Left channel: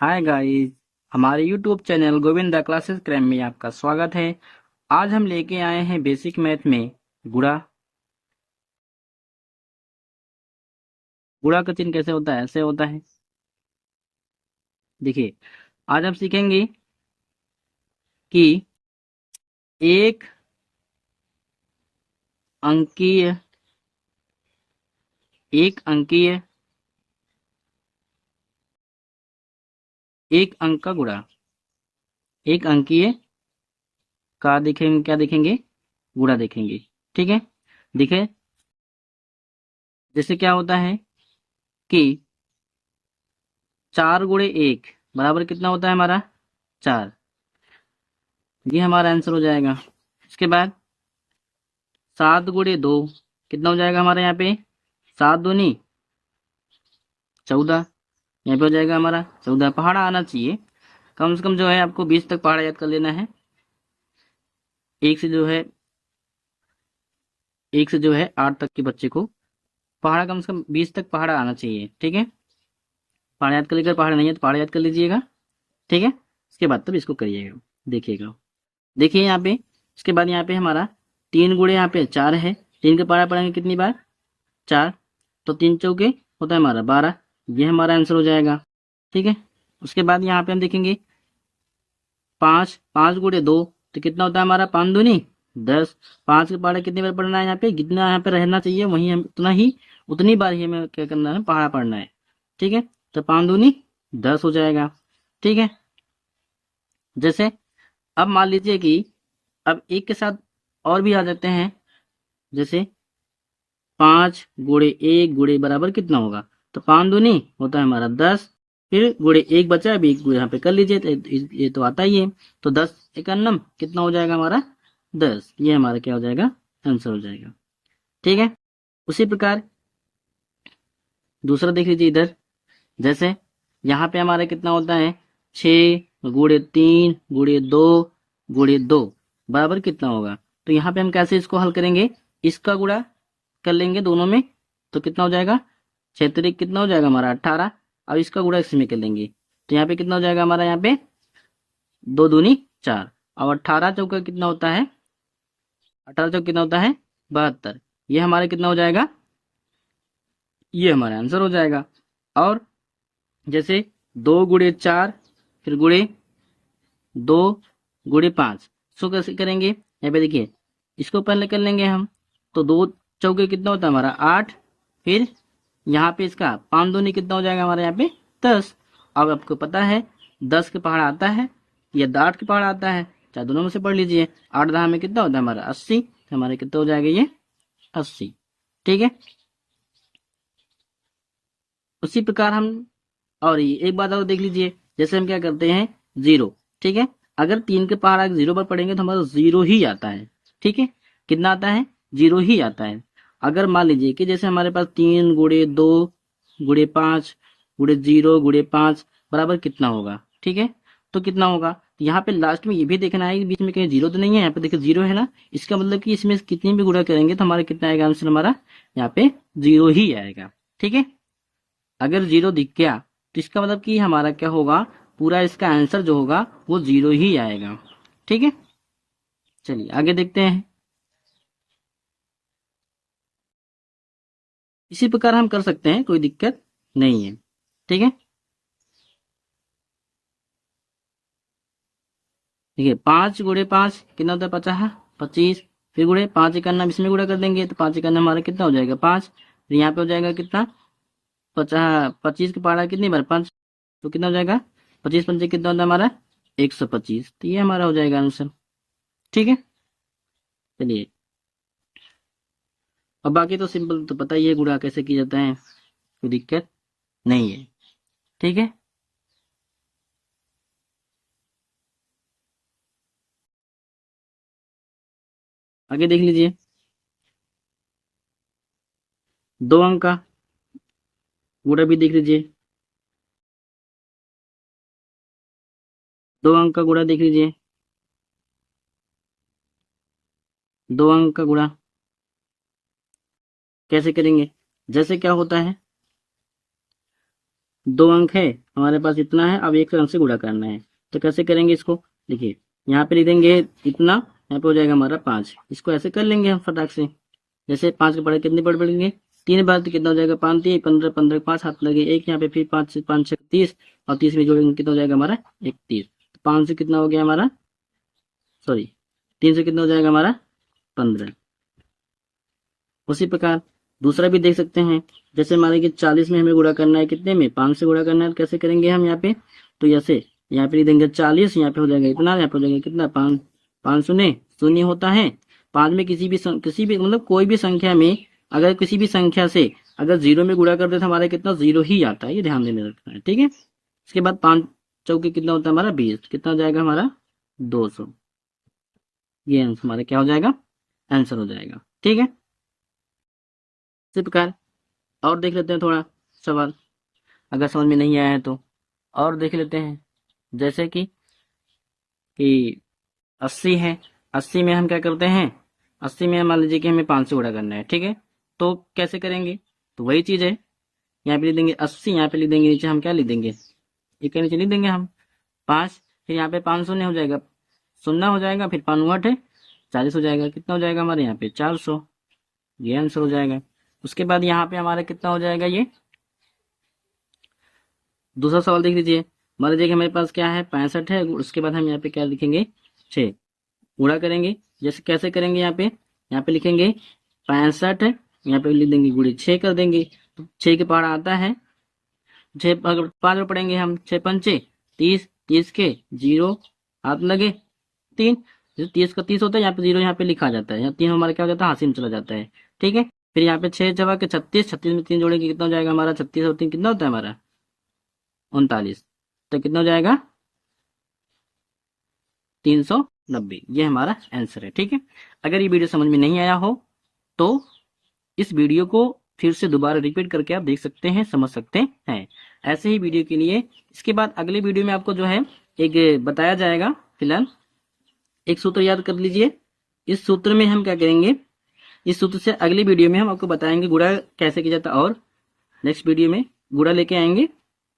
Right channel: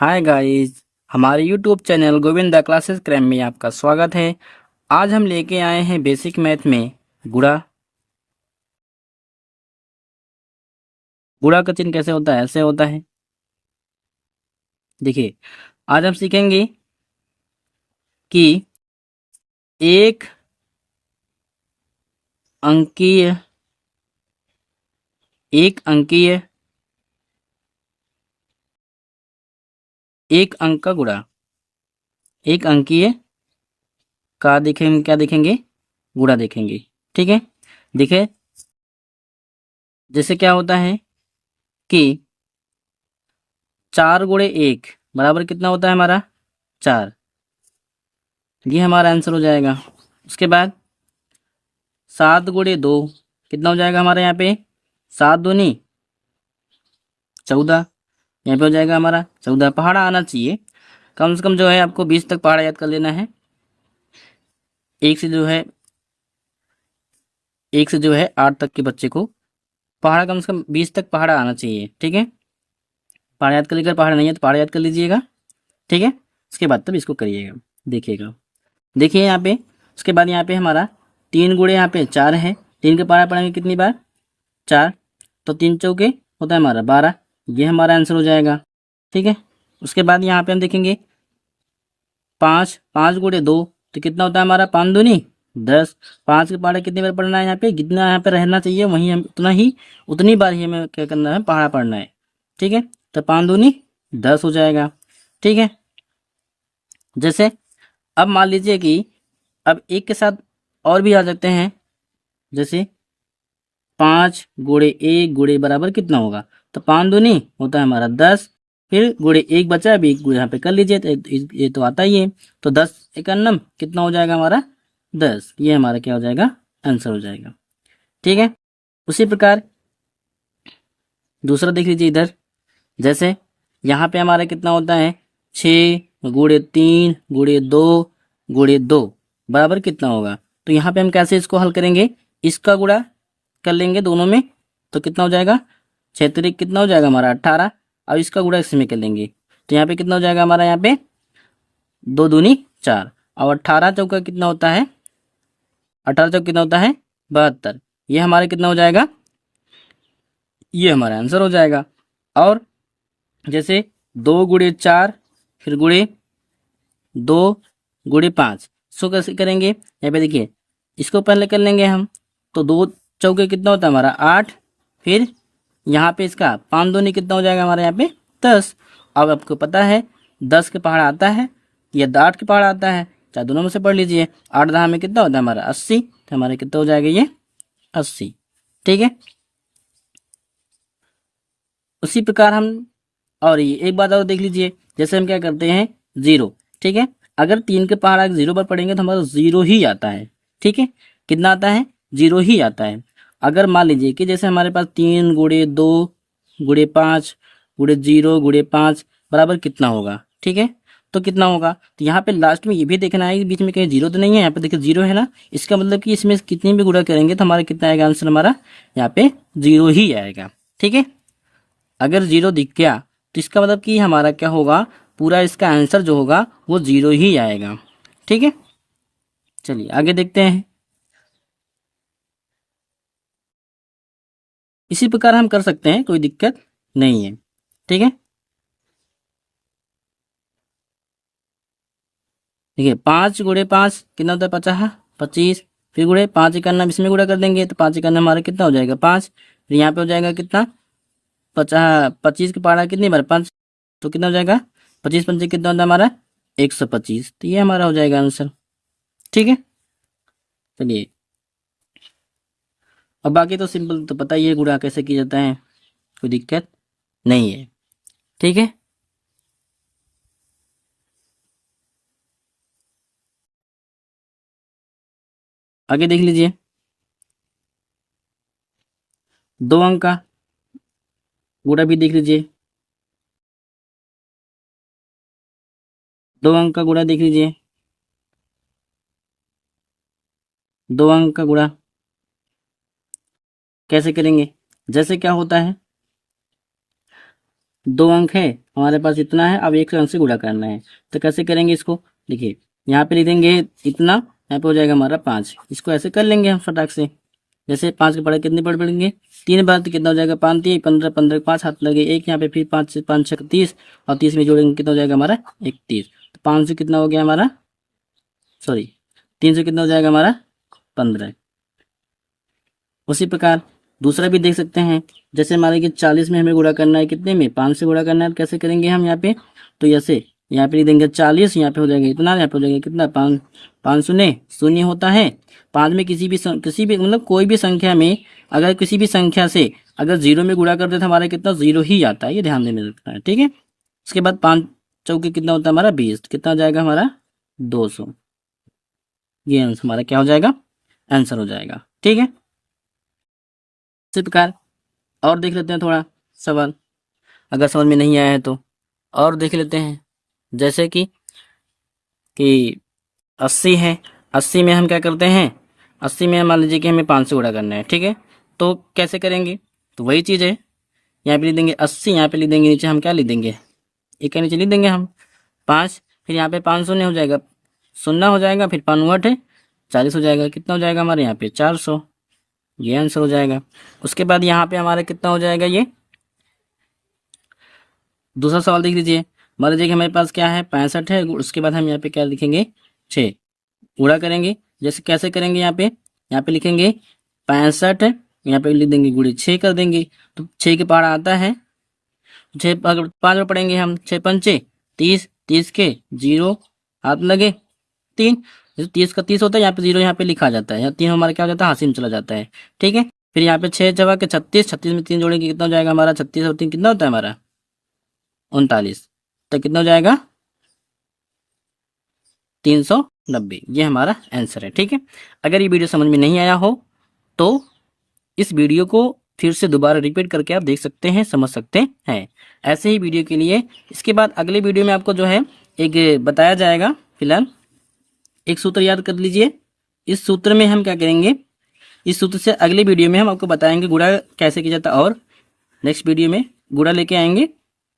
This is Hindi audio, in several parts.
हाय गाइस। हमारे YouTube channel Govinda classes cram में आपका स्वागत है। आज हम लेके आए हैं बेसिक मैथ में गुणा। गुणा का चिन्ह कैसे होता है? ऐसे होता है। देखिए, आज हम सीखेंगे कि एक अंकीय एक अंकीय एक अंक का गुणा। एक अंकीय का देखेंगे, क्या देखेंगे? गुणा देखेंगे। ठीक है। देखिए, जैसे क्या होता है कि 4 × 1 बराबर कितना होता है हमारा? 4। ये हमारा आंसर हो जाएगा। उसके बाद 7 × 2 कितना हो जाएगा हमारे यहाँ पे? 7 दूनी 14। यहाँ पे हो जाएगा हमारा 14। पहाड़ा आना चाहिए कम से कम, जो है आपको 20 तक पहाड़ा याद कर लेना है। एक से जो है 8 तक के बच्चे को पहाड़ा कम से कम 20 तक पहाड़ा आना चाहिए। ठीक है। पहाड़ा याद कर लेकर, पहाड़ा नहीं है तो पहाड़ा याद कर लीजिएगा। ठीक है। उसके बाद तब इसको करिएगा, देखिएगा। देखिए यहाँ पे, उसके बाद यहाँ पे हमारा 3 × यहाँ पे 4 है। 3 के पहाड़ा पढ़ेंगे कितनी बार? 4। तो 3 × 4 होता है हमारा 12। ये हमारा आंसर हो जाएगा। ठीक है। उसके बाद यहाँ पे हम देखेंगे 5 × 2 तो कितना होता है हमारा? 5 दूनी 10। 5 के पहाड़ा कितनी बार पढ़ना है? यहाँ पे जितना यहाँ पे रहना चाहिए वहीं हम उतनी बार ही हमें क्या करना है? पहाड़ा पढ़ना है। ठीक है। तो 5 दूनी 10 हो जाएगा। ठीक है। जैसे अब मान लीजिए कि अब एक के साथ और भी आ जाते हैं। जैसे 5 × 1 बराबर कितना होगा? तो 5 दूनी होता है हमारा 10। फिर गुणे 1 बचा, अभी 1 यहाँ पे कर लीजिए तो ये तो आता ही है। तो 10 × 1 कितना हो जाएगा हमारा? 10। ये हमारा क्या हो जाएगा? आंसर हो जाएगा। ठीक है। उसी प्रकार दूसरा देख लीजिए इधर। जैसे यहाँ पे हमारा कितना होता है? 6 × 3 × 2 बराबर कितना होगा? तो यहाँ पे हम कैसे इसको हल करेंगे? इसका गुणा कर लेंगे दोनों में, तो कितना हो जाएगा? 6 × 3 कितना हो जाएगा हमारा? 18। अब इसका गुणा इसमें कर लेंगे तो यहाँ पे कितना हो जाएगा हमारा? यहाँ पे 2 दूनी 4। और 18 × 4 कितना होता है? 18 × 4 कितना होता है? 72। ये हमारा कितना हो जाएगा? ये हमारा आंसर हो जाएगा। और जैसे 2 × 4 फिर गुणे 2 × 5, सो कैसे करेंगे? यहाँ पे देखिए, इसको पहले कर लेंगे हम। तो 2 × 4 कितना होता है हमारा? 8। फिर यहाँ पे इसका 5 दूनी कितना हो जाएगा हमारे यहाँ पे? 10। अब आपको पता है 10 के पहाड़ आता है या 8 के पहाड़ आता है, चाहे दोनों में से पढ़ लीजिए। 8 10 में कितना होता है हमारा? 80। तो हमारे कितना हो जाएगा? ये 80। ठीक है। उसी प्रकार हम, और ये एक बात और देख लीजिए। जैसे हम क्या करते हैं? 0। ठीक है। अगर 3 के पहाड़ 0 पर पढ़ेंगे तो हमारा 0 ही आता है। ठीक है। कितना आता है? 0 ही आता है। अगर मान लीजिए कि जैसे हमारे पास 3 × 2 × 5 × 0 × 5 बराबर कितना होगा? ठीक है। तो कितना होगा? तो यहाँ पे लास्ट में ये भी देखना है कि बीच में कहीं 0 तो नहीं है। यहाँ पे देखिए 0 है ना, इसका मतलब कि इसमें कितनी भी गुणा करेंगे तो हमारा कितना आएगा आंसर? हमारा यहाँ पे 0 ही आएगा। ठीक है। अगर 0 दिख गया तो इसका मतलब कि हमारा क्या होगा? पूरा इसका आंसर जो होगा वो 0 ही आएगा। ठीक है। चलिए आगे देखते हैं। इसी प्रकार हम कर सकते हैं, कोई दिक्कत नहीं है। ठीक है। देखिए 5 × 5 कितना होता है? 50। फिर गुणे 5 × 1 इसमें गुणा कर देंगे तो 5 × 1 हमारा कितना हो जाएगा? 5। फिर यहाँ पे हो जाएगा कितना? 25 के पहाड़ा कितनी बार? 5। तो कितना हो जाएगा? 25 × 5 कितना होता है हमारा? 125। तो ये हमारा हो जाएगा आंसर। ठीक है। चलिए, अब बाकी तो सिंपल तो पता ही है गुणा कैसे किया जाता है, कोई दिक्कत नहीं है। ठीक है। आगे देख लीजिए। 2 अंक का गुणा भी देख लीजिए। 2 अंक का गुणा देख लीजिए। 2 अंक का गुणा कैसे करेंगे? जैसे क्या होता है, 2 अंक है हमारे पास, इतना है, अब 1 अंक से गुणा करना है। तो कैसे करेंगे इसको, देखिए यहाँ पे लिख देंगे इतना, यहाँ पे हो जाएगा हमारा 5। इसको ऐसे कर लेंगे हम फटाक से। जैसे 5 के पढ़े कितने पढ़ पड़ेंगे, 3 बार तो कितना हो जाएगा, 5 3 15, 15 5 हाथ लगे 1 यहाँ पे, फिर 5 से 5 6 30, और 30 में जोड़ेंगे कितना हो जाएगा हमारा 31। तो 5 से कितना हो गया हमारा, सॉरी 3 से कितना हो जाएगा हमारा 15। उसी प्रकार दूसरा भी देख सकते हैं। जैसे हमारे कि 40 में हमें गुणा करना है, कितने में, 5 से गुणा करना है। कैसे करेंगे हम यहाँ पे, तो ऐसे यहाँ पे लिख देंगे 40, यहाँ पे हो जाएगा इतना, यहाँ पे हो जाएगा कितना 5, 5 शून्य शून्य होता है। 5 में किसी भी मतलब कोई भी संख्या में अगर किसी भी संख्या से अगर 0 में गुणा कर दे तो हमारा कितना 0 ही आता है, ये ध्यान देने रखना है, ठीक है। उसके बाद 5 चौके कितना होता है हमारा 20, कितना हो जाएगा हमारा 200। ये आंसर हमारा क्या हो जाएगा, आंसर हो जाएगा, ठीक है। इसी प्रकार और देख लेते हैं थोड़ा सवाल, अगर समझ में नहीं आया है तो और देख लेते हैं। जैसे कि 80 है, 80 में हम क्या करते हैं, 80 में मान लीजिए कि हमें 5 से गुणा करना है, ठीक है। तो कैसे करेंगे, तो वही चीज़ है, यहाँ पे लिख देंगे 80, यहाँ पे लिख देंगे नीचे हम क्या लिख देंगे, एक के नीचे लिख देंगे हम 5, फिर यहाँ पे 5 शून्य हो जाएगा, शून्य हो जाएगा, फिर 5 8 है 40 हो जाएगा, कितना हो जाएगा हमारे यहाँ पे 400। ये आंसर हो जाएगा। उसके बाद यहाँ पे हमारा कितना हो जाएगा, ये दूसरा सवाल देख लीजिए। मान लीजिए कि हमारे पास क्या है 65 है, उसके बाद हम यहाँ पे क्या लिखेंगे 6, गुणा करेंगे। जैसे कैसे करेंगे, यहाँ पे लिखेंगे 65, यहाँ पे लिख देंगे गुणे 6 कर देंगे, तो 6 के पहाड़ा आता है 6, अगर 5 में पढ़ेंगे हम 6 पंचे 30, 30 के 0 हाथ लगे 3, जैसे 30 का 30 होता है, यहाँ पे 0 यहाँ पे लिखा जाता है, यहाँ 3 हमारा क्या हो जाता है हासिल में चला जाता है, ठीक है। फिर यहाँ पे 6 जगह के 36, 36 में 3 जोड़ेंगे कितना हो जाएगा हमारा, 36 और 3 कितना होता है हमारा 39, तो कितना हो जाएगा 390। ये हमारा आंसर है, ठीक है। अगर ये वीडियो समझ में नहीं आया हो तो इस वीडियो को फिर से दोबारा रिपीट करके आप देख सकते हैं, समझ सकते हैं। ऐसे ही वीडियो के लिए इसके बाद अगले वीडियो में आपको जो है एक बताया जाएगा। फिलहाल एक सूत्र याद कर लीजिए, इस सूत्र में हम क्या करेंगे, इस सूत्र से अगले वीडियो में हम आपको बताएंगे गुणा कैसे किया जाता है, और नेक्स्ट वीडियो में गुणा लेके आएंगे।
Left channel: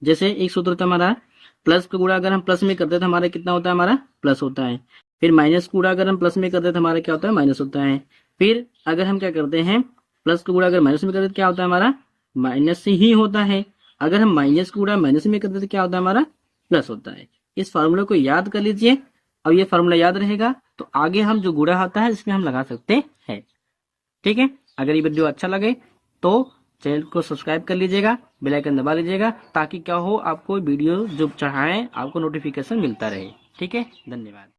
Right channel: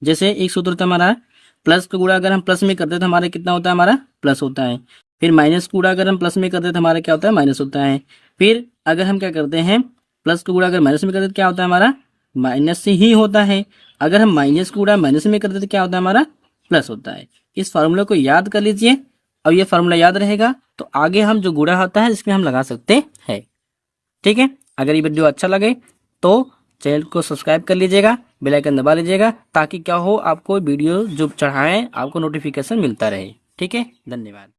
जैसे एक सूत्र था हमारा, प्लस का गुणा अगर हम प्लस में करते तो हमारा कितना होता है, हमारा प्लस होता है। फिर माइनस का गुणा अगर हम प्लस में करते तो हमारा क्या होता है, माइनस होता है। फिर अगर हम क्या करते हैं, प्लस का गुणा अगर माइनस में करते तो क्या होता है हमारा, माइनस ही होता है। अगर हम माइनस का गुणा माइनस में करते तो क्या होता है हमारा, प्लस होता है। इस फार्मूला को याद कर लीजिए, और ये फार्मूला याद रहेगा तो आगे हम जो गुणा होता है इसमें हम लगा सकते हैं, ठीक है। अगर ये वीडियो अच्छा लगे तो चैनल को सब्सक्राइब कर लीजिएगा, बेल आइकन दबा लीजिएगा, ताकि क्या हो आपको वीडियो जो चढ़ाएं आपको नोटिफिकेशन मिलता रहे, ठीक है। धन्यवाद।